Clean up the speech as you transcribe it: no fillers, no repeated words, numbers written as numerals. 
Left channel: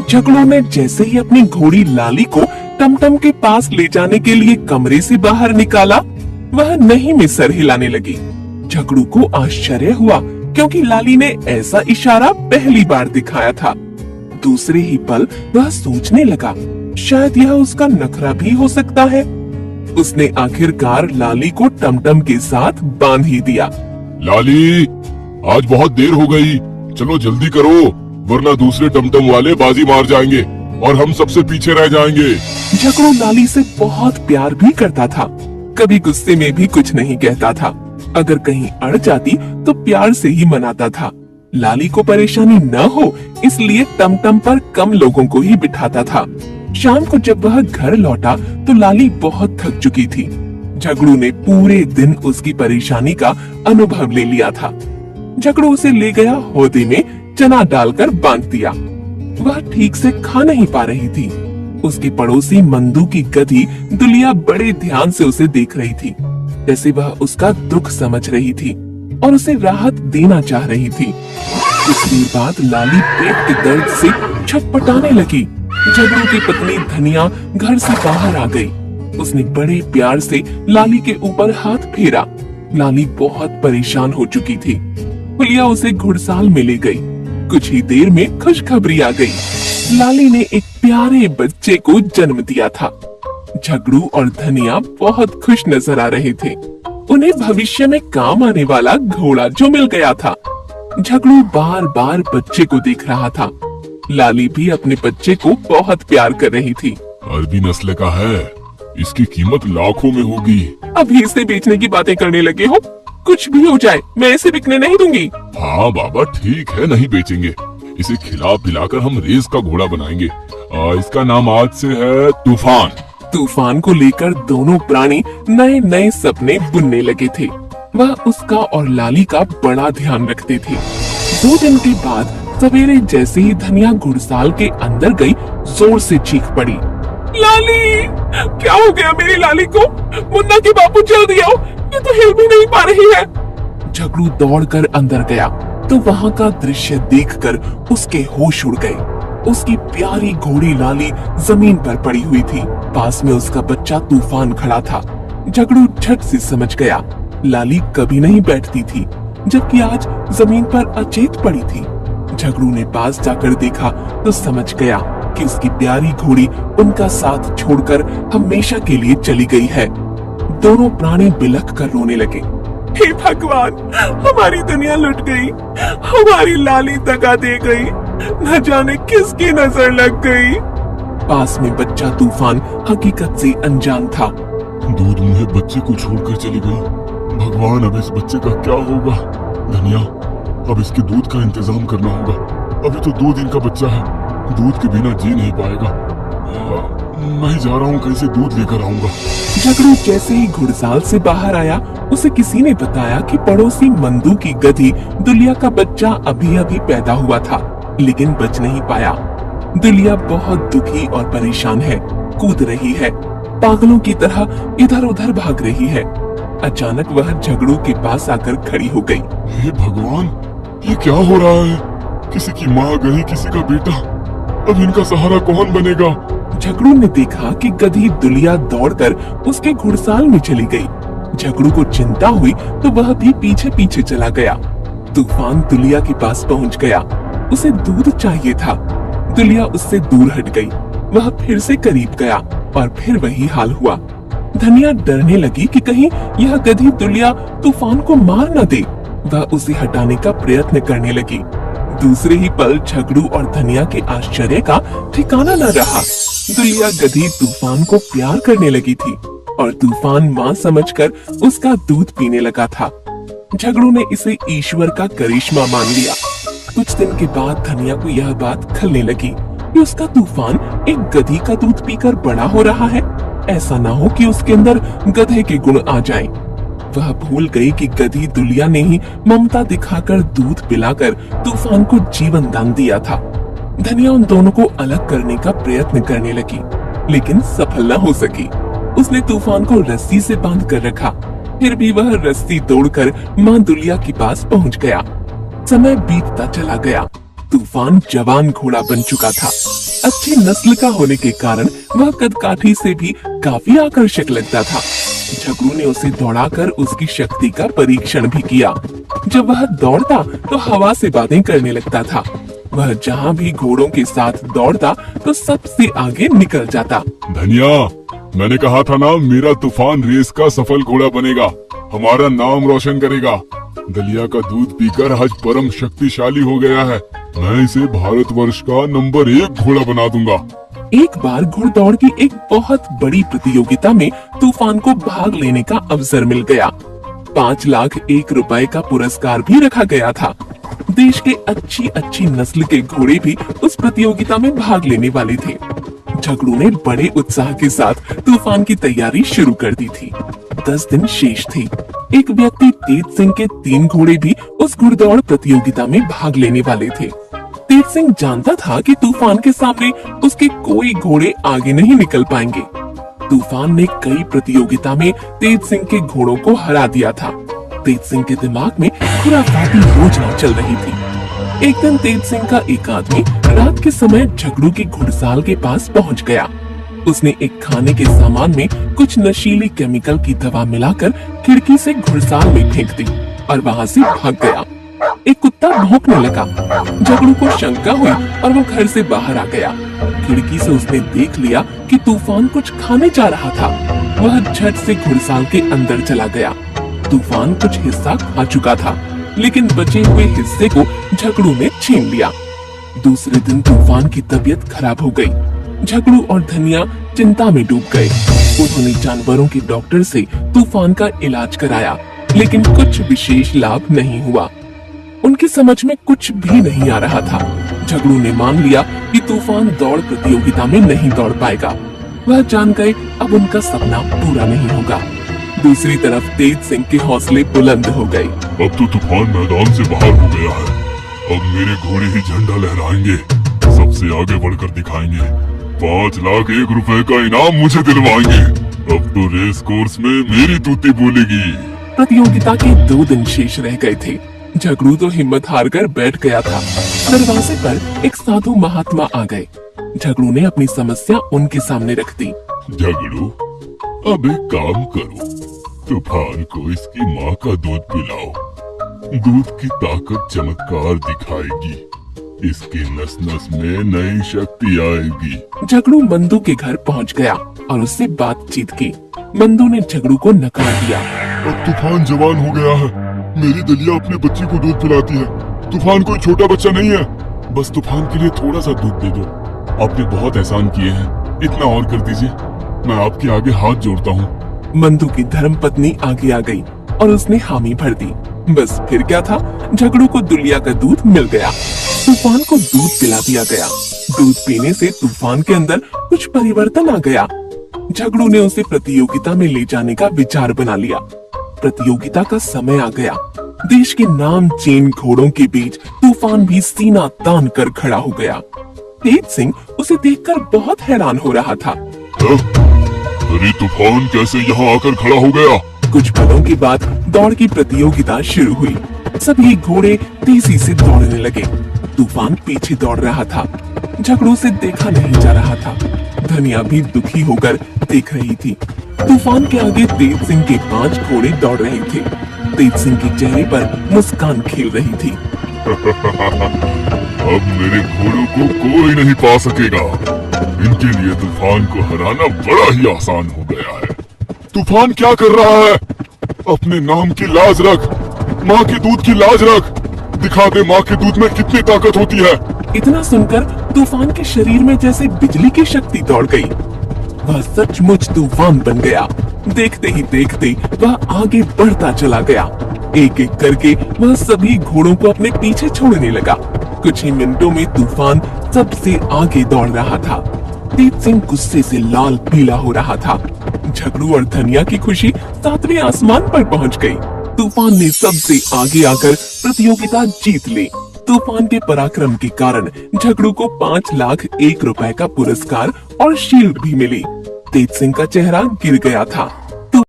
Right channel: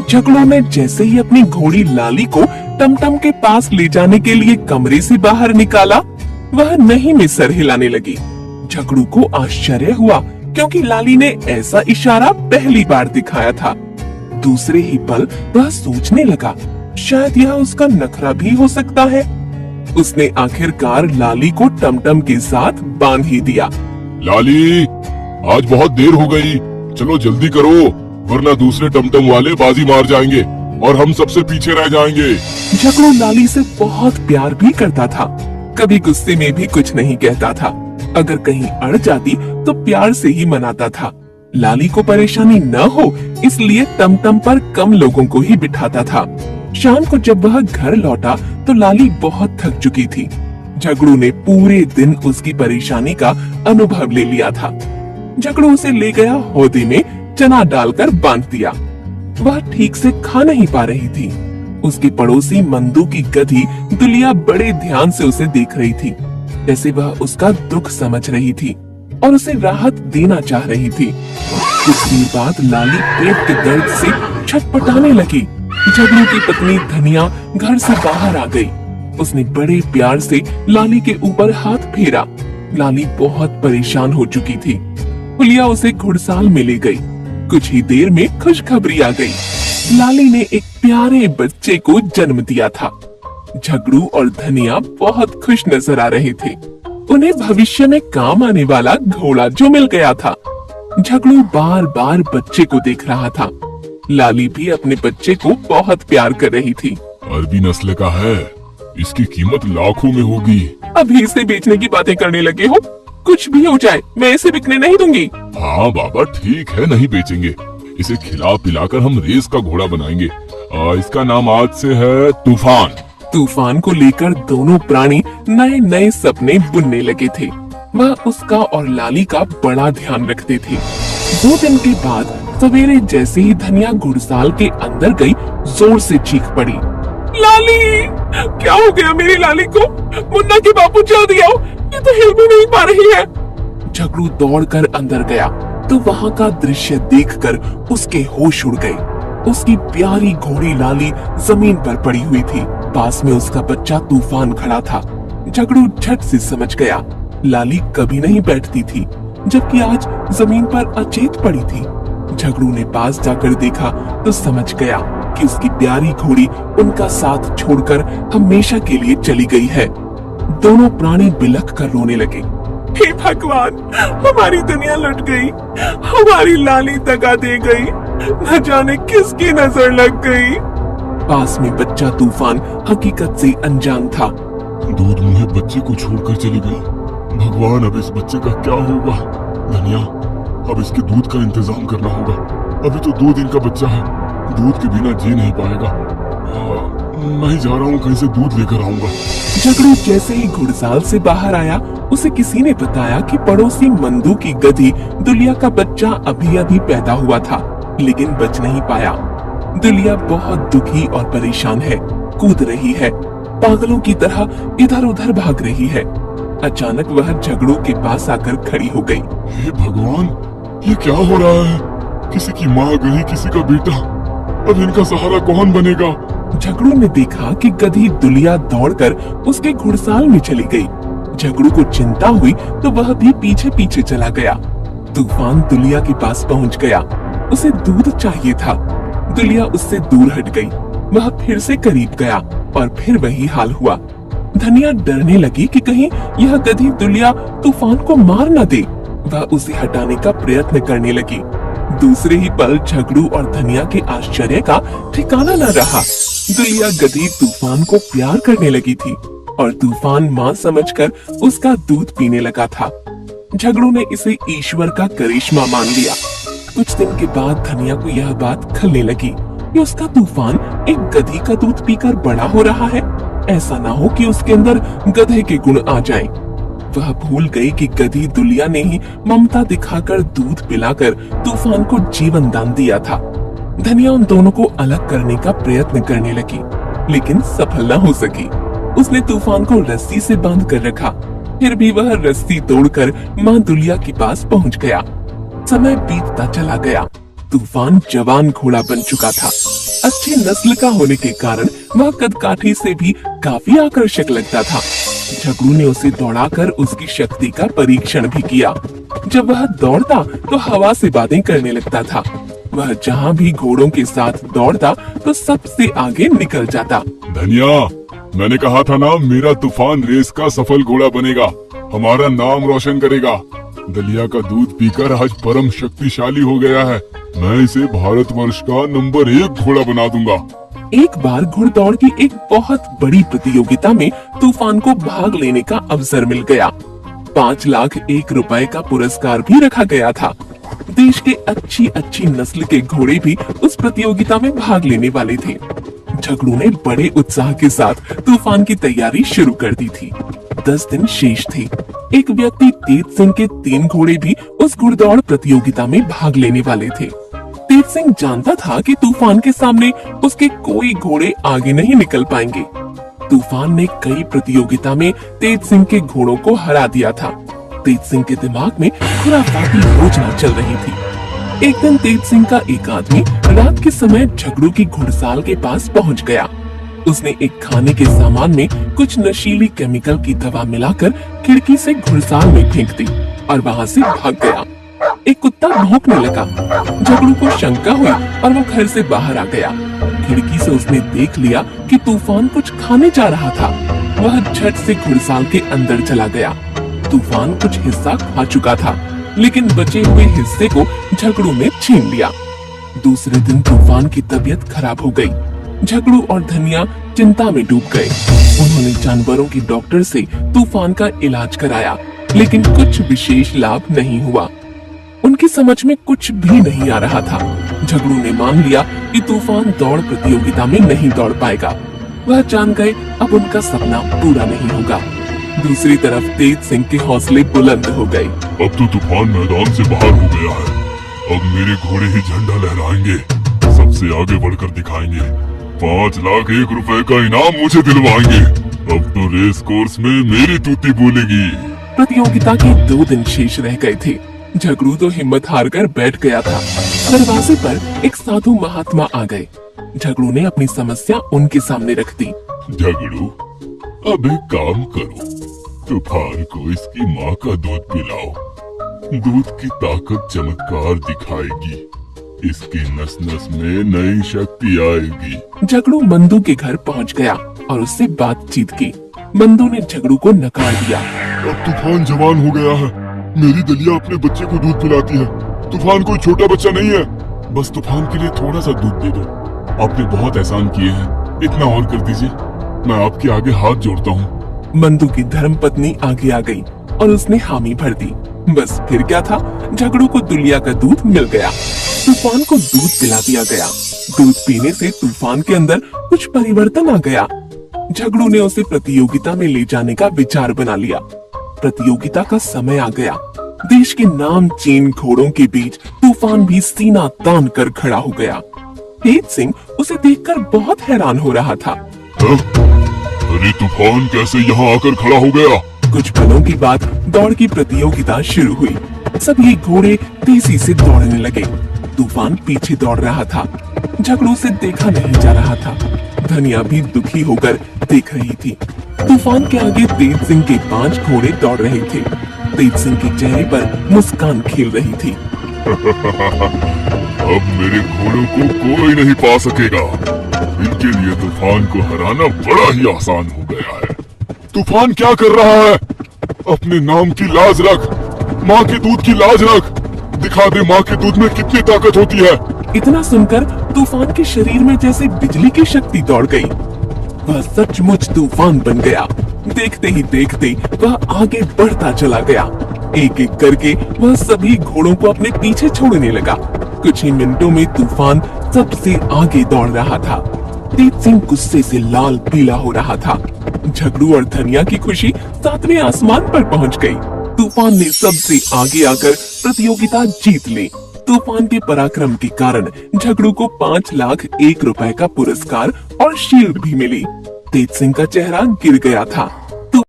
झगड़ू ने जैसे ही अपनी घोड़ी लाली को टमटम के पास ले जाने के लिए कमरे से बाहर निकाला, वह नहीं में सर हिलाने लगी। झगड़ू को आश्चर्य हुआ क्योंकि लाली ने ऐसा इशारा पहली बार दिखाया था। दूसरे ही पल वह सोचने लगा, शायद यह उसका नखरा भी हो सकता है। उसने आखिरकार लाली को टमटम के साथ बांध ही दिया। लाली, आज बहुत देर हो गई, चलो जल्दी करो, वरना दूसरे टमटम वाले बाजी मार जाएंगे और हम सबसे पीछे रह जाएंगे। झगड़ू लाली से बहुत प्यार भी करता था, कभी गुस्से में भी कुछ नहीं कहता था। अगर कहीं अड़ जाती तो प्यार से ही मनाता था। लाली को परेशानी न हो इसलिए टमटम पर कम लोगों को ही बिठाता था। शाम को जब वह घर लौटा तो लाली बहुत थक चुकी थी। झगड़ू ने पूरे दिन उसकी परेशानी का अनुभव ले लिया था। झगड़ू उसे ले गया हौदी में चना डालकर बांध दिया। वह ठीक से खा नहीं पा रही थी। उसकी पड़ोसी मंदू की गधी दुलिया बड़े ध्यान से उसे देख रही थी, जैसे वह उसका दुख समझ रही थी और उसे राहत देना चाह रही थी। कुछ देर बाद लाली पेट के दर्द से छटपटाने लगी। झगड़ू की पत्नी धनिया घर से बाहर आ गई। उसने बड़े प्यार से लाली के ऊपर हाथ फेरा। लाली बहुत परेशान हो चुकी थी। हुलिया उसे घुड़साल में ले गई। कुछ ही देर में खुशखबरी आ गई। लाली ने एक प्यारे बच्चे को जन्म दिया था। झगड़ू और धनिया बहुत खुश नजर आ रहे थे। उन्हें भविष्य में काम आने वाला घोड़ा जो मिल गया था। झगड़ू बार बार बच्चे को देख रहा था। लाली भी अपने बच्चे को बहुत प्यार कर रही थी। अरबी नस्ल का है, इसकी कीमत लाखों में होगी। अभी इसे बेचने की बातें करने लगे हो? कुछ भी हो जाए मैं इसे बिकने नहीं दूंगी। हाँ बाबा ठीक है, नहीं बेचेंगे। इसे खिला पिलाकर हम रेस का घोड़ा बनाएंगे। इसका नाम आज से है तूफान। तूफान को लेकर दोनों प्राणी नए नए सपने बुनने लगे थे। वह उसका और लाली का बड़ा ध्यान रखते थे। 2 दिन के बाद सवेरे जैसे ही धनिया घुड़साल के अंदर गई, जोर से चीख पड़ी, लाली! क्या हो गया मेरी लाली को? मुन्ना के बापू जल्दी आओ, ये तो हिल भी नहीं पा रही है। झगड़ू दौड़कर अंदर गया तो वहाँ का दृश्य देखकर उसके होश उड़ गए। उसकी प्यारी घोड़ी लाली जमीन पर पड़ी हुई थी। पास में उसका बच्चा तूफान खड़ा था। झगड़ू झट से समझ गया, लाली कभी नहीं बैठती थी, जबकि आज जमीन पर अचेत पड़ी थी। झगड़ू ने पास जाकर देखा तो समझ गया कि उसकी प्यारी घोड़ी उनका साथ छोड़कर हमेशा के लिए चली गई है। दोनों प्राणी बिलख कर रोने लगे। हे भगवान, हमारी दुनिया लुट गई, हमारी लाली दगा दे गई, न जाने किसकी नजर लग गई। पास में बच्चा तूफान हकीकत से अनजान था। दूध मुहे बच्चे को छोड़कर चली गई। भगवान, अब इस बच्चे का क्या होगा? धनिया, अब इसके दूध का इंतजाम करना होगा। अभी तो 2 दिन का बच्चा है, दूध के बिना जी नहीं पाएगा। मैं जा रहा हूँ, कहीं से दूध लेकर आऊंगा। झगड़ू जैसे ही घुड़साल से बाहर आया, उसे किसी ने बताया कि पड़ोसी मंदू की गधी दुलिया का बच्चा अभी अभी पैदा हुआ था, लेकिन बच नहीं पाया। दुलिया बहुत दुखी और परेशान है, कूद रही है, पागलों की तरह इधर उधर भाग रही है। अचानक वह झगड़ू के पास आकर खड़ी हो गई। हे भगवान, ये क्या हो रहा है? किसी की माँ गई, किसी का बेटा, अब इनका सहारा कौन बनेगा? झगड़ू ने देखा कि गधी दुलिया दौड़कर उसके घुड़साल में चली गई। झगड़ू को चिंता हुई तो वह भी पीछे पीछे चला गया। तूफान दुलिया के पास पहुंच गया। उसे दूध चाहिए था। दुलिया उससे दूर हट गई। वह फिर से करीब गया और फिर वही हाल हुआ। धनिया डरने लगी कि कहीं यह गधी दुलिया तूफान को मार न दे। वह उसे हटाने का प्रयत्न करने लगी। दूसरे ही पल झगड़ू और धनिया के आश्चर्य का ठिकाना न रहा। दुलिया गधी तूफान को प्यार करने लगी थी और तूफान माँ समझकर उसका दूध पीने लगा था। झगड़ू ने इसे ईश्वर का करिश्मा मान लिया। कुछ दिन के बाद धनिया को यह बात खलने लगी कि उसका तूफान एक गधी का दूध पीकर बड़ा हो रहा है। ऐसा ना हो कि उसके अंदर गधे के गुण आ जाएं। वह भूल गई कि गधी दुलिया ने ही ममता दिखाकर दूध पिलाकर तूफान को जीवन दान दिया था। धनिया उन दोनों को अलग करने का प्रयत्न करने लगी, लेकिन सफल न हो सकी। उसने तूफान को रस्सी से बांध कर रखा, फिर भी वह रस्सी तोड़कर माँ दुलिया के पास पहुँच गया। समय बीतता चला गया। तूफान जवान घोड़ा बन चुका था। अच्छी नस्ल का होने के कारण वह कदकाठी से भी काफी आकर्षक लगता था। झगड़ू ने उसे दौड़ाकर उसकी शक्ति का परीक्षण भी किया। जब वह दौड़ता तो हवा से बातें करने लगता था। वह जहाँ भी घोड़ों के साथ दौड़ता तो सबसे आगे निकल जाता। धनिया, मैंने कहा था ना, मेरा तूफान रेस का सफल घोड़ा बनेगा, हमारा नाम रोशन करेगा। दलिया का दूध पीकर आज परम शक्तिशाली हो गया है। मैं इसे भारतवर्ष का नंबर 1 घोड़ा बना दूंगा। एक बार घुड़दौड़ की एक बहुत बड़ी प्रतियोगिता में तूफान को भाग लेने का अवसर मिल गया। 5,01,000 रुपए का पुरस्कार भी रखा गया था। देश के अच्छी नस्ल के घोड़े भी उस प्रतियोगिता में भाग लेने वाले थे। झगड़ू ने बड़े उत्साह के साथ तूफान की तैयारी शुरू कर दी थी। 10 दिन शेष थे। एक व्यक्ति तेज सिंह के 3 घोड़े भी उस घुड़दौड़ प्रतियोगिता में भाग लेने वाले थे। तेज सिंह जानता था कि तूफान के सामने उसके कोई घोड़े आगे नहीं निकल पाएंगे। तूफान ने कई प्रतियोगिता में तेज सिंह के घोड़ों को हरा दिया था। तेज सिंह के दिमाग में खुराफाती योजना चल रही थी। एक दिन तेज सिंह का एक आदमी रात के समय झगड़ू की घुड़साल के पास पहुंच गया। उसने एक खाने के सामान में कुछ नशीली केमिकल की दवा मिलाकर खिड़की से घुड़साल में फेंक दी और वहां से भाग गया। एक कुत्ता भौंकने लगा। झगड़ू को शंका हुई और वो घर से बाहर आ गया। खिड़की से उसने देख लिया कि तूफान कुछ खाने जा रहा था। वह झट से घुड़साल के अंदर चला गया। तूफान कुछ हिस्सा खा चुका था, लेकिन बचे हुए हिस्से को झगड़ू ने छीन लिया। दूसरे दिन तूफान की तबीयत खराब हो गई। झगड़ू और धनिया चिंता में डूब गए। उन्होंने जानवरों के डॉक्टर से तूफान का इलाज कराया, लेकिन कुछ विशेष लाभ नहीं हुआ। उनकी समझ में कुछ भी नहीं आ रहा था। झगड़ू ने मान लिया कि तूफान दौड़ प्रतियोगिता में नहीं दौड़ पाएगा। वह जान गए अब उनका सपना पूरा नहीं होगा। दूसरी तरफ तेज सिंह के हौसले बुलंद हो गए। अब तो तूफान मैदान से बाहर हो गया है। अब मेरे घोड़े ही झंडा लहराएंगे, सबसे आगे बढ़कर दिखाएंगे। 5,01,000 रुपए का इनाम मुझे दिलवाएंगे। अब तो रेस कोर्स में मेरी तूती बोलेगी। प्रतियोगिता के 2 दिन शेष रह गए थे। झगड़ू तो हिम्मत हारकर बैठ गया था। दरवाजे पर एक साधु महात्मा आ गए। झगड़ू ने अपनी समस्या उनके सामने रख दी। झगड़ू, अब एक काम करो, तूफान को इसकी माँ का दूध पिलाओ। दूध की ताकत चमत्कार दिखाएगी। इसकी नस नस में नई शक्ति आएगी। झगड़ू बंधु के घर पहुंच गया और उससे बातचीत की। बंधु ने झगड़ू को नकार दिया। अब तूफान जवान हो गया है। मेरी दलिया अपने बच्चे को दूध पिलाती है। तूफान कोई छोटा बच्चा नहीं है। बस तूफान के लिए थोड़ा सा दूध दे दो। आपने बहुत एहसान किए हैं, इतना और कर दीजिए। मैं आपके आगे हाथ जोड़ता हूँ। बंधु की धर्मपत्नी आगे आ गई और उसने हामी भर दी। बस फिर क्या था, झगड़ू को दुलिया का दूध मिल गया। तूफान को दूध पिला दिया गया। दूध पीने से तूफान के अंदर कुछ परिवर्तन आ गया। झगड़ू ने उसे प्रतियोगिता में ले जाने का विचार बना लिया। प्रतियोगिता का समय आ गया। देश के नामचीन घोड़ों के बीच तूफान भी सीना तान कर खड़ा हो गया। तेज सिंह उसे देखकर बहुत हैरान हो रहा था। अरे तूफान कैसे यहाँ आकर खड़ा हो गया? कुछ पलों के बाद दौड़ की प्रतियोगिता शुरू हुई। सभी घोड़े तेजी से दौड़ने लगे। तूफान पीछे दौड़ रहा था। झगड़ू से देखा नहीं जा रहा था। धनिया भी दुखी होकर देख रही थी। तूफान के आगे तेज सिंह के 5 घोड़े दौड़ रहे थे। तेज सिंह के चेहरे पर मुस्कान खेल रही थी। अब मेरे घोड़ों को कोई नहीं पा सकेगा। इनके लिए तूफान को हराना बड़ा ही आसान हो गया है। तूफान क्या कर रहा है? अपने नाम की लाज रख, माँ के दूध की लाज रख। दिखा दे माँ के दूध में कितनी ताकत होती है। इतना सुनकर तूफान के शरीर में जैसे बिजली की शक्ति दौड़ गई। वह सचमुच तूफान बन गया। देखते ही देखते वह आगे बढ़ता चला गया। एक एक करके वह सभी घोड़ों को अपने पीछे छोड़ने लगा। कुछ ही मिनटों में तूफान सबसे आगे दौड़ रहा था। तेज सिंह गुस्से से लाल पीला हो रहा था। झगड़ू और धनिया की खुशी 7वें आसमान पर पहुंच गई। तूफान ने सबसे आगे आकर प्रतियोगिता जीत ली। तूफान के पराक्रम के कारण झगड़ू को 5,01,000 रुपए का पुरस्कार और शील्ड भी मिली। तेज सिंह का चेहरा गिर गया था।